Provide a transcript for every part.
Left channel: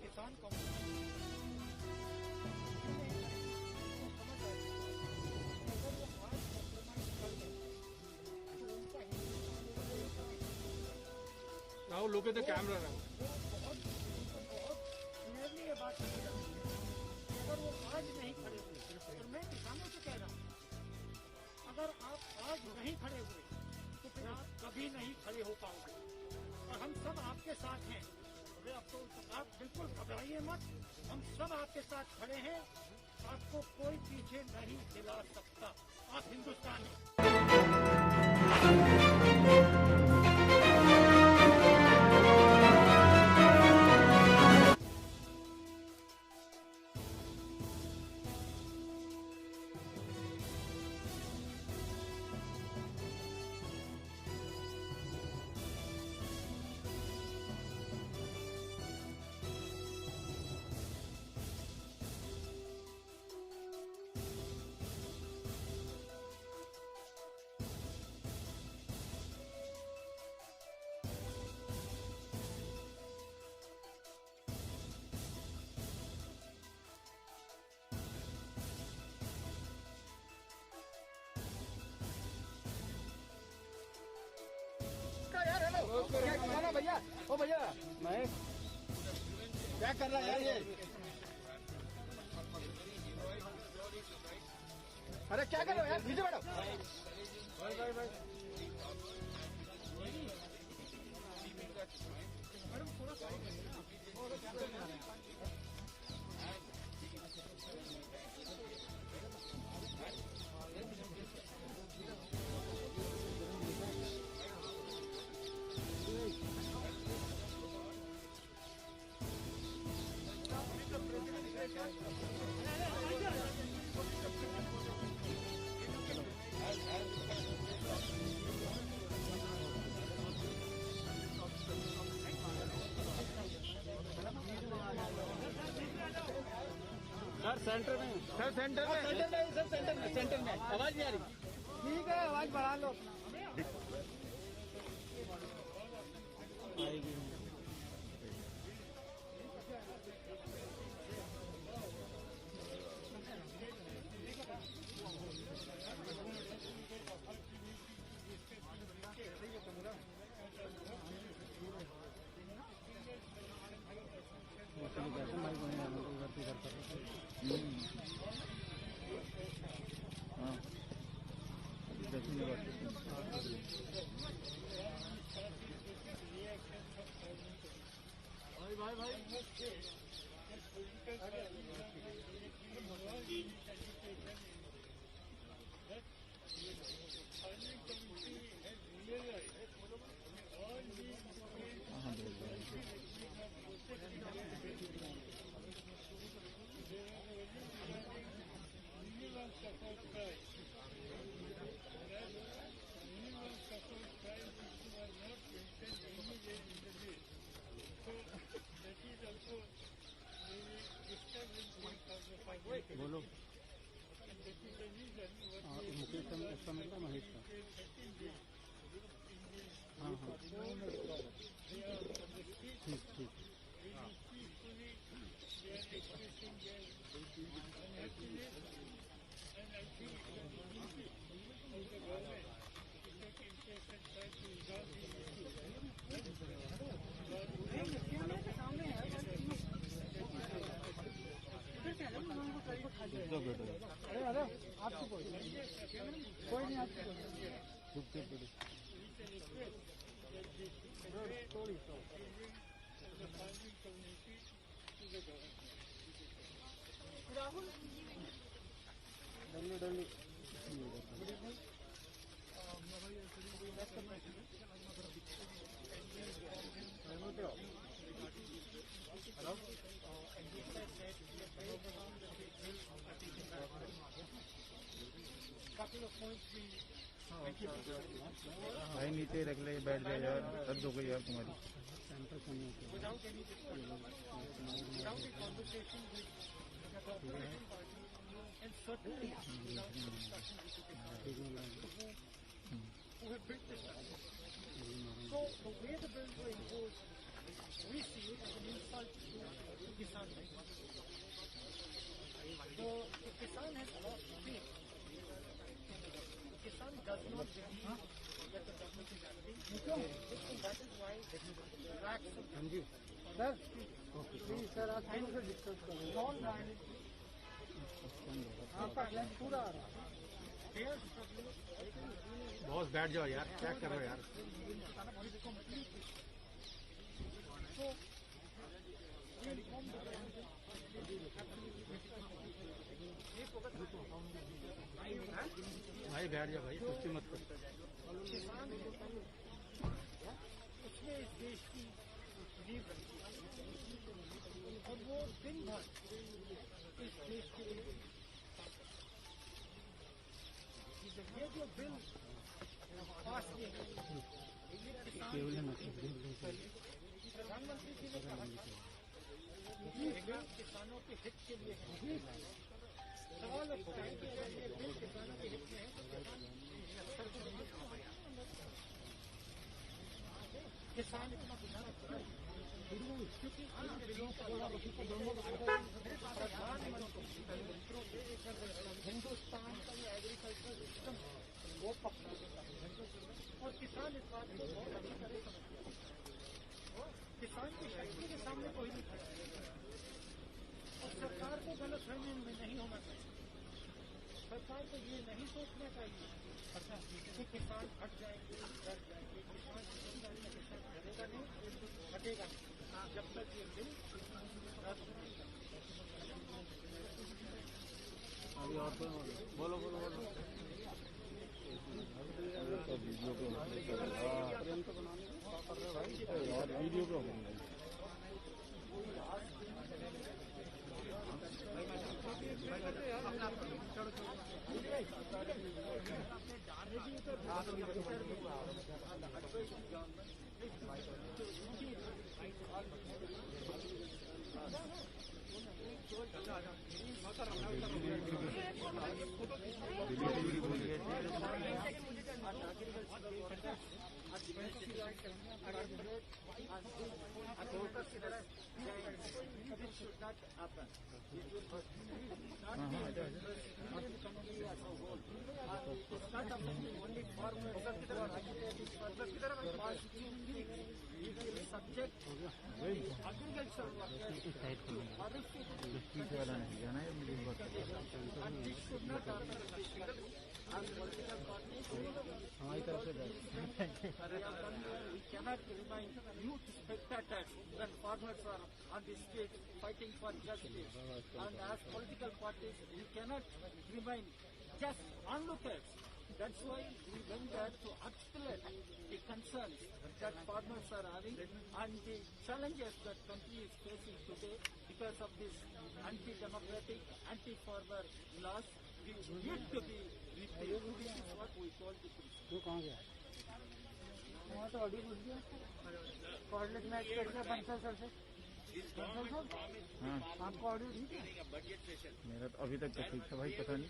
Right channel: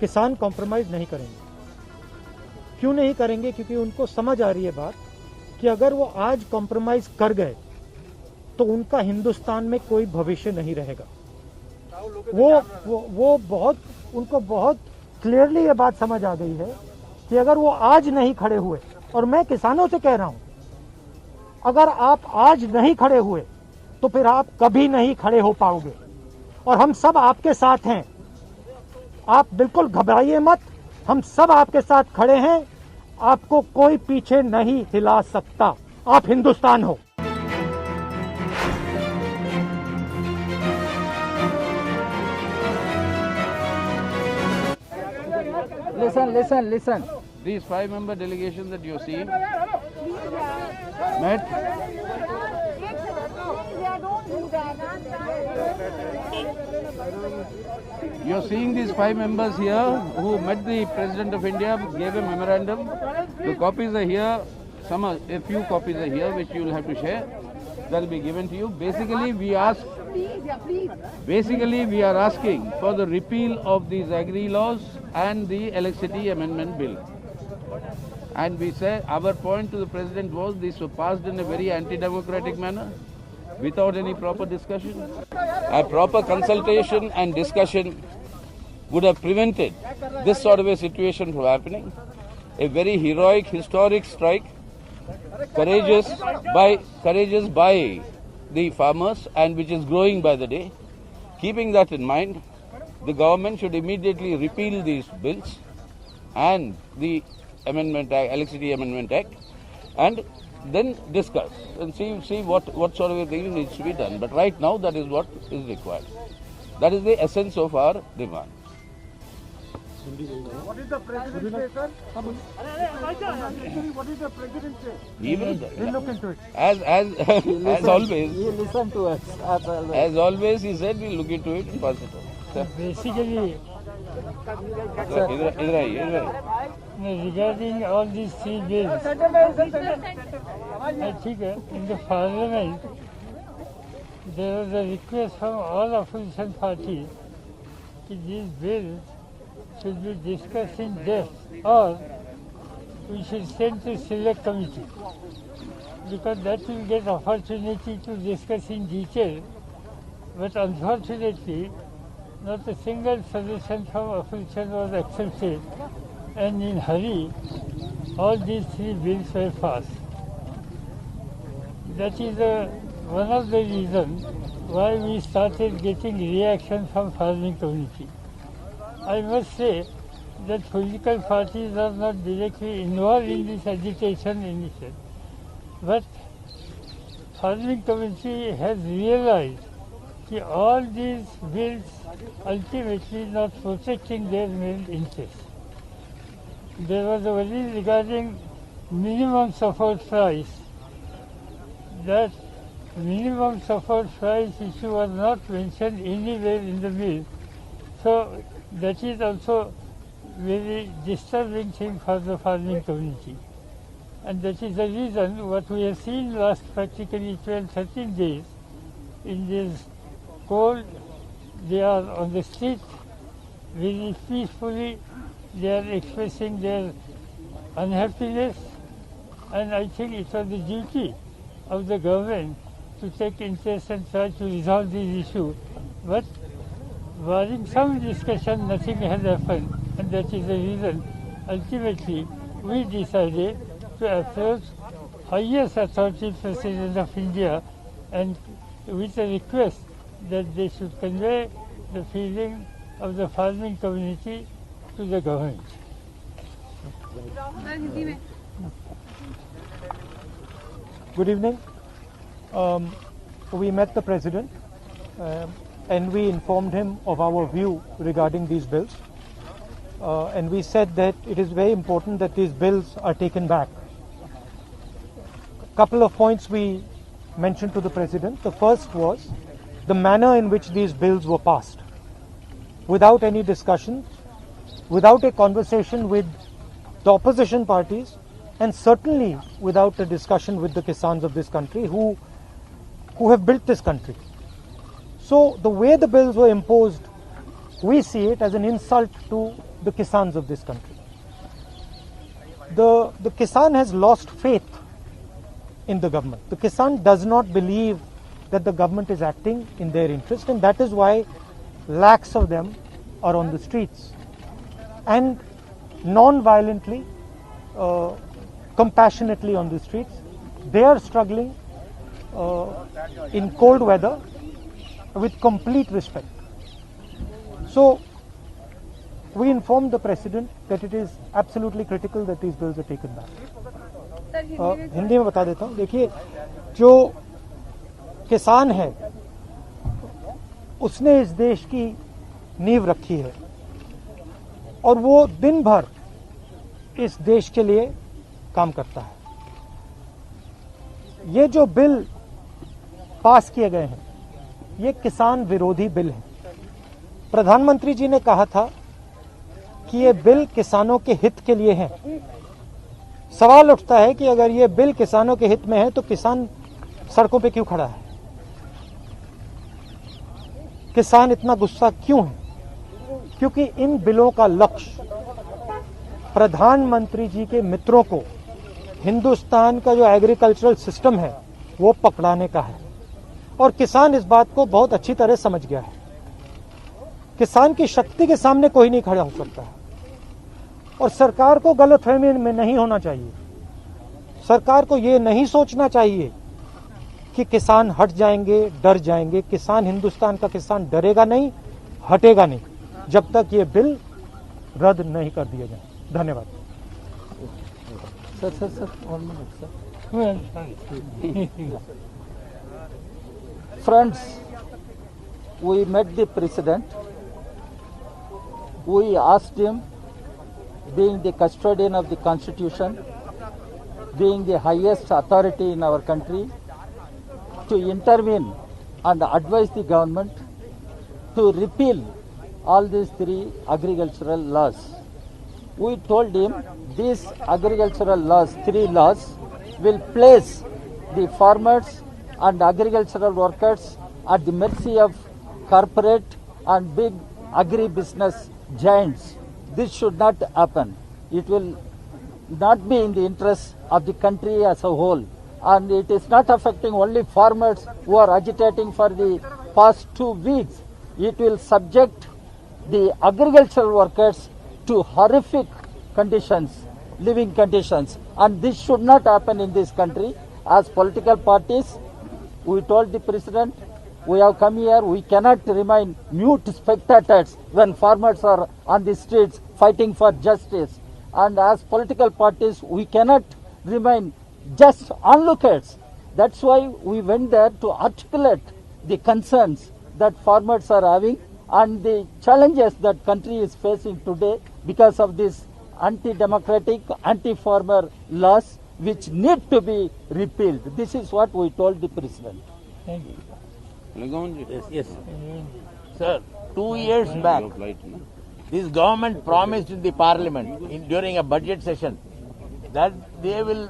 किसान कॉम्प्रोमाइज़ नहीं करेंगे। क्यों नहीं करेंगे? क्योंकि उनको समझ आ रही है बात कि अगर वो आज कॉम्प्रोमाइज़ कर गए तो उनका हिंदुस्तान में कोई भविष्य नहीं रहेगा। वो बहुत उनको बहुत क्लियरली ये बात समझ आ गई है कि अगर वो आज नहीं खड़े हुए, और मैं किसानों से कह रहा हूं, अगर आप आज नहीं खड़े हुए तो फिर आप कभी नहीं खड़े हो पाओगे। और हम सब आपके साथ हैं, आप बिल्कुल घबराइए मत, हम सब आपके साथ खड़े हैं, आपको कोई पीछे नहीं हिला सकता। आप हिंदुस्तान हो। Listen. These 5-member delegations that you're seeing met. You're seeing these 5 members here who met the President of India, gave a memorandum. The copies are here. A few copies are here which you will have to share. That will be given to you. Basically, we are asking for the repeal of these agri laws and the electricity amendment bill. And we said our point to the President was these were passed in a very anti-democratic manner, without any proper discussion. A proper consultation and discussion would have prevented this sort of a situation from happening. A very heroic, historic strike, courageous by the farmers, and which is growing by the day. Keeping that in mind, the government should immediately repeal these bills and the Electricity Amendment Act, and then discuss and see what sort of a thing needs to be done. But right now, that is what is required. That is the essence of our demand. What is the President say, sir? What is the President say? We'll look into it. As always. You listen to us. As always, he said we'll look into it positive. Basically, regarding all these 3 bills, I think in the Parliament there was a request from all opposition parties that these bills should be discussed in depth, or we should send to select committee, because that will get opportunity to discuss in detail. But unfortunately, not a single solution from opposition was accepted, and in hurry, all these 3 bills were passed. That is one of the reasons why we started getting reaction from farming community. I must say that political parties are not directly involved in this agitation initiative, but farming community has realized that all these bills ultimately not protecting their main interests. There was a worry regarding minimum support price. That minimum support price issue was not mentioned anywhere in the bill. So that is also very disturbing thing for the farming community. And that is the reason what we have seen last practically 12-13 days in this cold. They are on the street very peacefully. They are expressing their unhappiness, and I think it was the duty of the government to take interest and try to resolve these issues. But barring some discussion, nothing has happened, and that is the reason ultimately we decided to approach highest authority, President of India, and with a request that they should convey the feeling of the farming community to the government. Good evening. We met the President and we informed him of our view regarding these bills. And we said that it is very important that these bills are taken back. A couple of points we mentioned to the President. The first was the manner in which these bills were passed, without any discussion, without a conversation with the opposition parties, and certainly without a discussion with the Kisans of this country who have built this country. So the way the bills were imposed, we see it as an insult to the Kisans of this country. The Kisan has lost faith in the government. The Kisan does not believe that the government is acting in their interest, and that is why lakhs of them are on the streets and non-violently, compassionately on the streets. They are struggling in cold weather with complete respect. So we informed the President that it is absolutely critical that these bills are taken back. Hindi में बता देता हूँ. देखिए, जो किसान है उसने इस देश की नींव रखी है और वो दिन भर इस देश के लिए काम करता है. ये जो बिल पास किए गए हैं ये किसान विरोधी बिल है. प्रधानमंत्री जी ने कहा था कि ये बिल किसानों के हित के लिए है. सवाल उठता है कि अगर ये बिल किसानों के हित में है तो किसान सड़कों पे क्यों खड़ा है? किसान इतना गुस्सा क्यों है? क्योंकि इन बिलों का लक्ष्य प्रधानमंत्री जी के मित्रों को हिंदुस्तान का जो एग्रीकल्चरल सिस्टम है वो पकड़ाने का है और किसान इस बात को बहुत अच्छी तरह समझ गया है. किसान की शक्ति के सामने कोई नहीं खड़ा हो सकता है और सरकार को गलतफहमी में नहीं होना चाहिए. सरकार को ये नहीं सोचना चाहिए कि किसान हट जाएंगे, डर जाएंगे. किसान, हिंदुस्तान का किसान डरेगा नहीं, हटेगा नहीं जब तक ये बिल रद्द नहीं कर दिए जाए. धन्यवाद. Friends, we met the President. We asked him, being the custodian of the Constitution, being the highest authority in our country, to intervene and advise the government to repeal all these 3 agricultural laws. We told him these agricultural laws, 3 laws, will place the farmers and agricultural workers at the mercy of corporate and big agri-business giants. This should not happen. It will not be in the interest of the country as a whole. And it is not affecting only farmers who are agitating for the past 2 weeks. It will subject the agricultural workers to horrific conditions, living conditions. And this should not happen in this country. As political parties, we told the President, we have come here, we cannot remain mute spectators when farmers are on the streets fighting for justice. And as political parties, we cannot remain just onlookers. That's why we went there to articulate the concerns that farmers are having and the challenges that country is facing today because of these anti-democratic, anti-farmer laws which need to be repealed. This is what we told the President. Thank you. Yes. Sir, 2 years back, this government promised in the parliament during a budget session that they will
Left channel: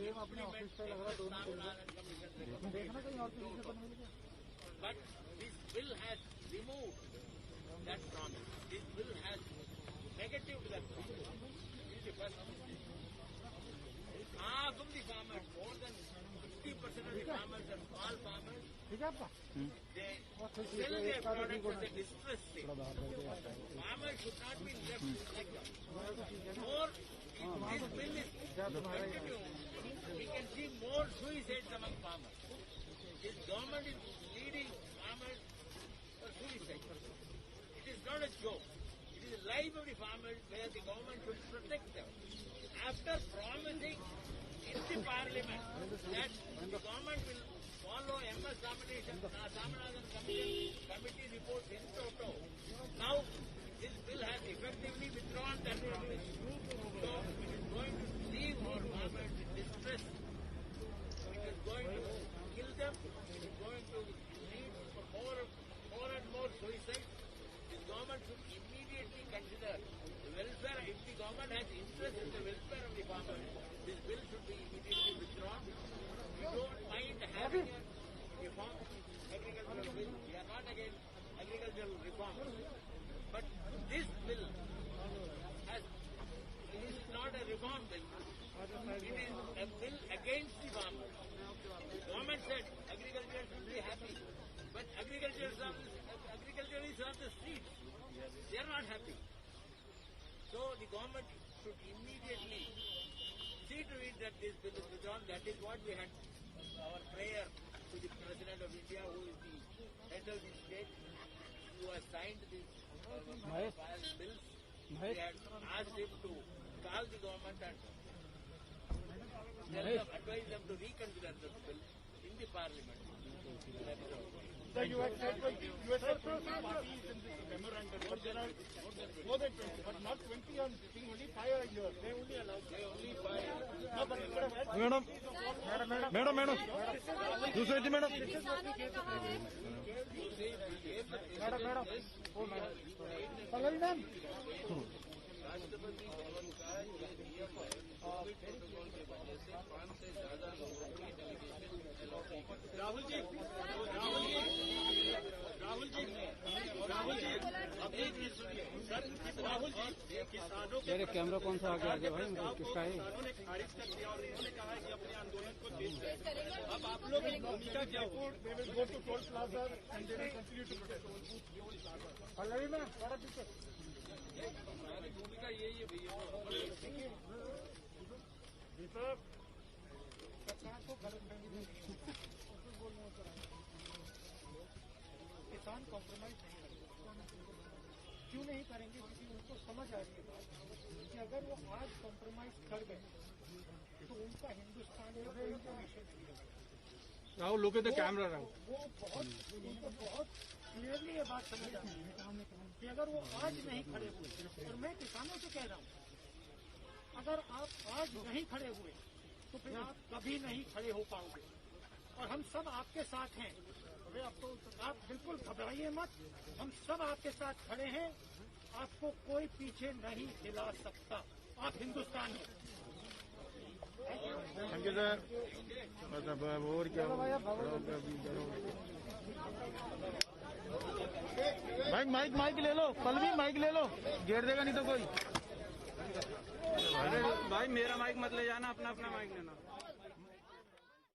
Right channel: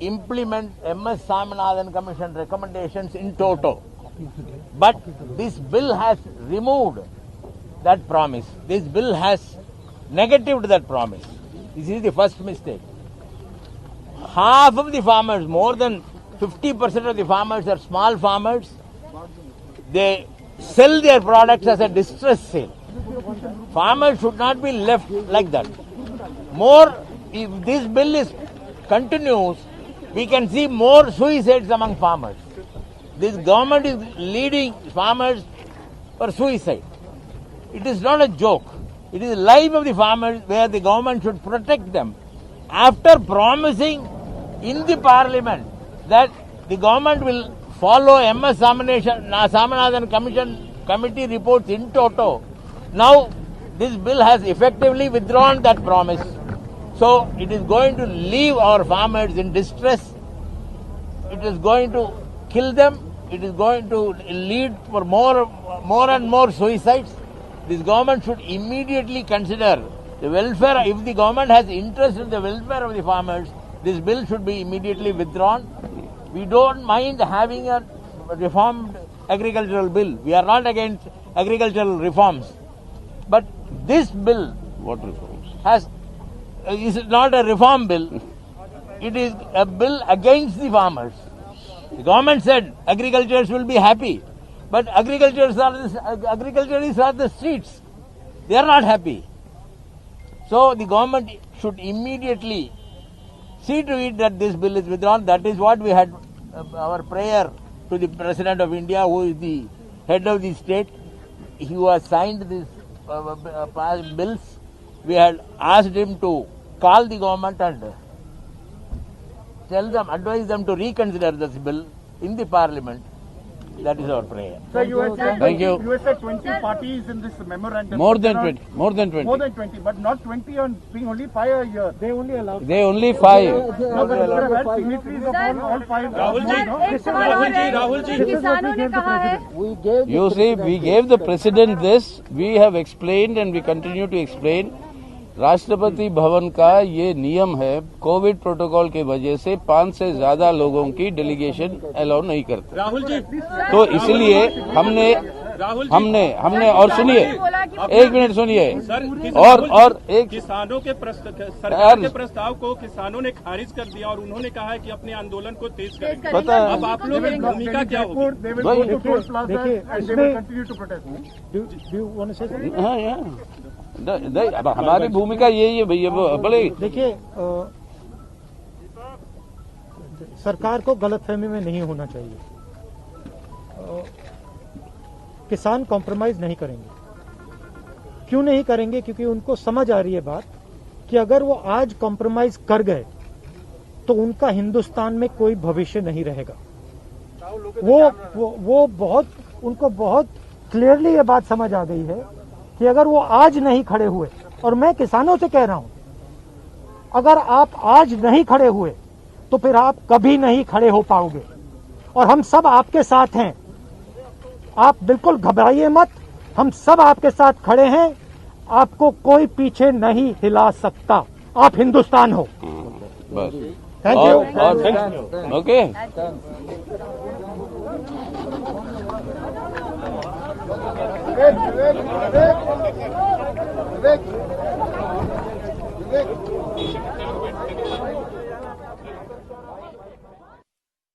implement MS Swaminathan Commission recommendations in toto. But this bill has removed that promise. This bill has negatived that promise. This is the first mistake. Half of the farmers, more than 50% of the farmers are small farmers. They sell their products as a distress sale. Farmers should not be left like that. More, if this bill continues, we can see more suicides among farmers. This government is leading farmers for suicide. It is not a joke. It is the life of the farmers where the government should protect them. After promising in the parliament that the government will follow MS Swaminathan committee reports in toto, now this bill has effectively withdrawn that promise. So it is going to leave our farmers in distress. It is going to kill them. It is going to lead for more and more suicides. This government should immediately consider the welfare. If the government has interest in the welfare of the farmers, this bill should be immediately withdrawn. We don't mind having a reformed agricultural bill. We are not against agricultural reforms. But this bill What reforms? is not a reform bill. It is a bill against the farmers. The government said agriculturists will be happy, but agriculturists are the streets. They are not happy. So the government should immediately see to it that this bill is withdrawn. That is what we had our prayer to the President of India, who is the head of the state. Who has signed these bills. We had asked him to call the government and advise them to reconsider this bill in the parliament. That is our prayer. Sir, you had said Thank you. You had said 20 parties in this memorandum. More than 20. More than 20. More than 20, but not 20 on being only 5 a year. They only allow. They only 5. No, but instead of that, signatories of all 5. Rahul ji किसानों ने कहा है We gave You see, we gave the president this. We have explained and we continue to explain. Rashtrapati Bhavan का ये नियम है, Covid protocol के वजह से 5 से ज्यादा लोगों की डेलीगेशन अलाउ नहीं करते। राहुल जी, तो इसलिए हमने और सुनिए, एक मिनट सुनिए, और एक किसानों के सरकार के प्रस्ताव को किसानों ने खारिज कर दिया और उन्होंने कहा है कि अपने आंदोलन को तेज करें। पता है। अब आप लोगों की भूमिका क्या होगी? They will go to Toll Plaza and they will continue to protest. Do you want to say something? हाँ, अब हमारी भूमिका यही है भैया, बोले देखिए, सरकार को गलतफहमी में नहीं होना चाहिए। किसान कॉम्प्रोमाइज नहीं करेंगे। क्यों नहीं करेंगे? क्योंकि उनको समझ आ रही है बात कि अगर वो आज कॉम्प्रोमाइज कर गए तो उनका हिंदुस्तान में कोई भविष्य नहीं रहेगा। वो उनको बहुत क्लियरली ये बात समझ आ गई है कि अगर वो आज नहीं खड़े हुए, और मैं किसानों से कह रहा हूं, अगर आप आज नहीं खड़े हुए तो फिर आप कभी नहीं खड़े हो पाओगे। और हम सब आपके साथ हैं, आप बिल्कुल घबराइए मत, हम सब आपके साथ खड़े हैं, आपको कोई पीछे नहीं हिला सकता। आप हिंदुस्तान हो। बस। Thank you. ओके। Vivek.